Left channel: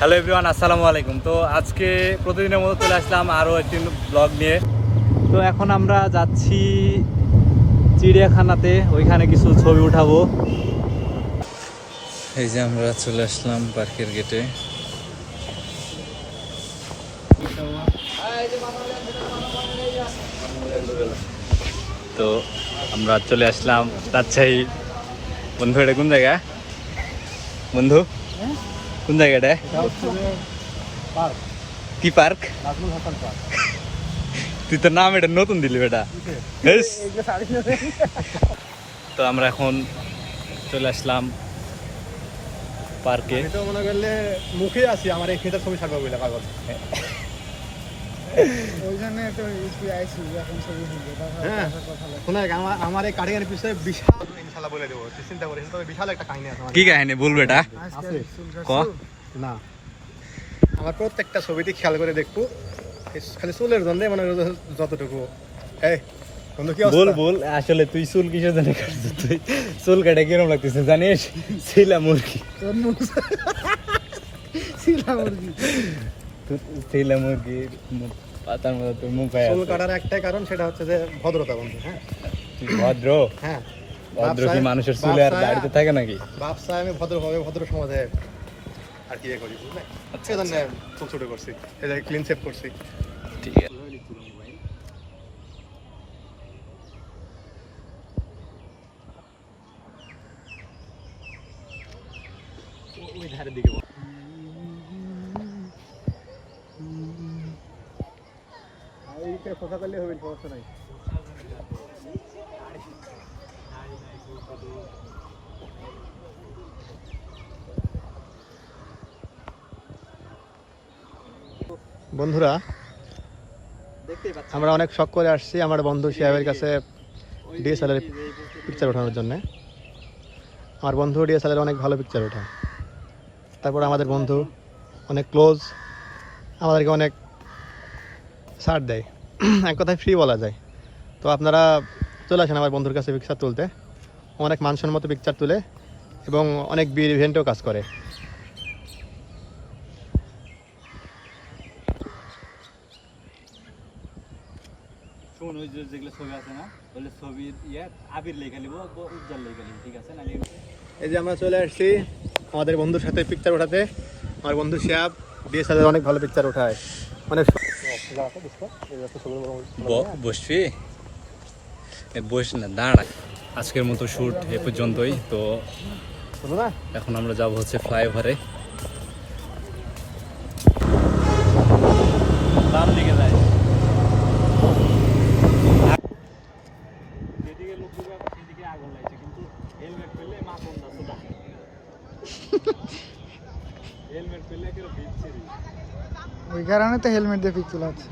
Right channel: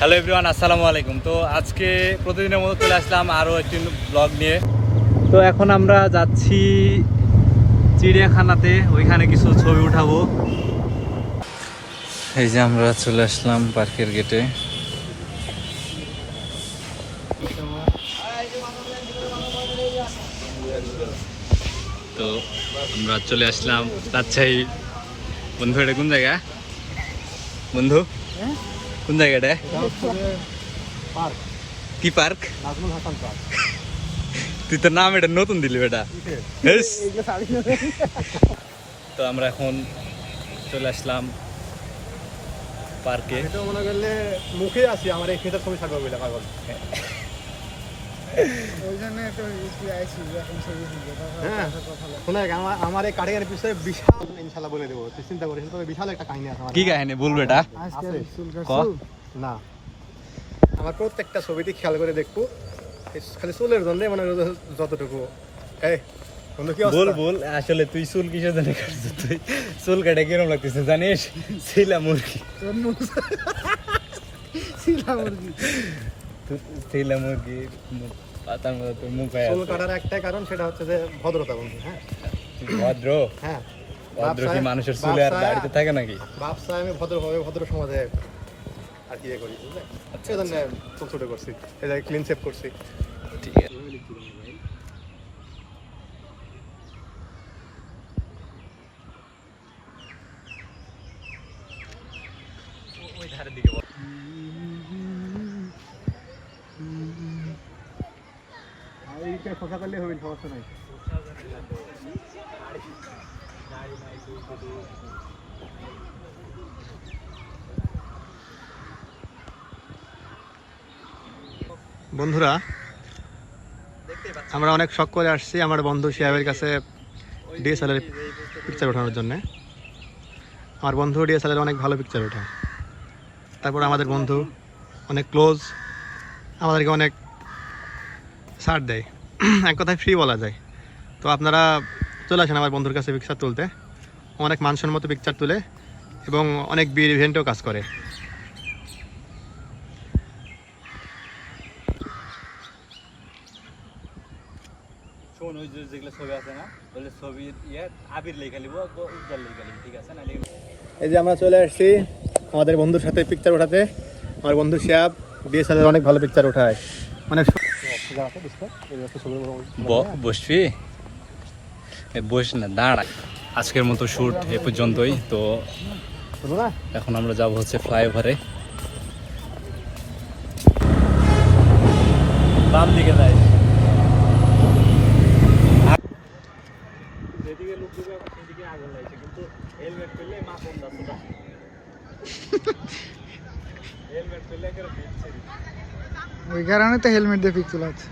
Hello everyone আসসালামু আলাইকুম। তো আজকে প্রতিদিনের মতো চলে আসলাম আরও একটি ব্লগ নিয়ে। তো এখন আমরা যাচ্ছি চিড়িয়াখানাতে, ওইখানে কিছু ছবি উঠাবো। এই যে আমরা চলে আসলাম পার্কের গেটে। তো আমরা চলে আসলাম। রাজশাহী বন্ধু, এটা কোন জায়গা? বন্ধু? কোন জায়গাটা পার্ক কি পার্ক নাজমুল হাসান পার্ক তুই তো নাম এটা নতুন দিলি বেটা। তো আমরা এখন চলে আসলাম পার্কে এটা মনে করলে মুখে আছি আমার এই ক্ষেতের ছবি ছাড়বো বলে পাগল আমার আমার এই কারিগর পিছনে বিশাল ইনশাল্লাহ বলে দেবো তুই চিন্তা করিস তবে বিশাল একটা কাহিনী আছে কি কাহিনী? বলবে এটা ক? না। আমার প্রত্যেকটা ছবিতে খেয়াল করে দেখব খালি চুলের জন্য মানে যতটুকু? বল বল আসলে তুই চুল কিসের জন্য কাটছিস? তুই চুল কাটে কিরম লাগতেছে জানিস? ছিলা মুরগি। ছিলা মুরগি। ছিলা মুরগি পাতার মতো তোর মুখ হয়ে চুল কাটার একটাই কারণ সেটা হচ্ছে যে ভদ্রতা বন্ধু হ্যাঁ? তুই ভদ্র? হ্যাঁ। ভদ্র কি মানুষের চুলে আর দাড়িতে থাকে নাকি? বাপ চাই আমি ভদ্রভাবে ভদ্র সমাজে আর কি করি বুঝলে? আচ্ছা, সেজন্য চুল ছোট করছি যে ক্লিন সেভ করছি। ঠিক আছে। ওই ধারের দিকে বন্ধুরা, আমরা অনেক শখ করে আসছি আমার বন্ধু শিয়াবের কাছে ডিএসএলআর পিকচার ওঠানোর জন্য। আমার বন্ধু ডিএসএলআর অনেক ভালো পিকচার ওঠায় তারপর আমাদের বন্ধু অনেক ক্লোজ আমাদেরকে অনেক ছাড় দেয়। এক কথায় ফ্রি বলা যায়। তো আপনারা চলে আসেন আমার বন্ধুর কাছে পিকচার তুলতে। অনেক অনেক মতো পিকচার তুলে এবং অনেক বিয়ের ইভেন্টেও কাজ করে। শোন ওই যে যেগুলো ছবি আছে না ওগুলো ছবি ইয়ে আবির লেখা লিব উজ্জ্বল লেখা লিব ঠিক আছে না এই যে আমরা চলে আসছি আমাদের বন্ধুর সাথে পিকচার ওঠাতে। আমার বন্ধু শিয়াব ডিএসএলআর অনেক ভালো পিকচার ওঠায়। অনেক বসবি? বস না দাঁড়া। আজকের মতো শ্যুট এ পর্যন্তই তো এখন আমরা যাব হচ্ছে ফ্লাইওভারে। বাম দিকে যাই। হেলমেট পেলে পেলে ওই কারণে তো হেলমেট দিয়ে পিক তোলা হচ্ছে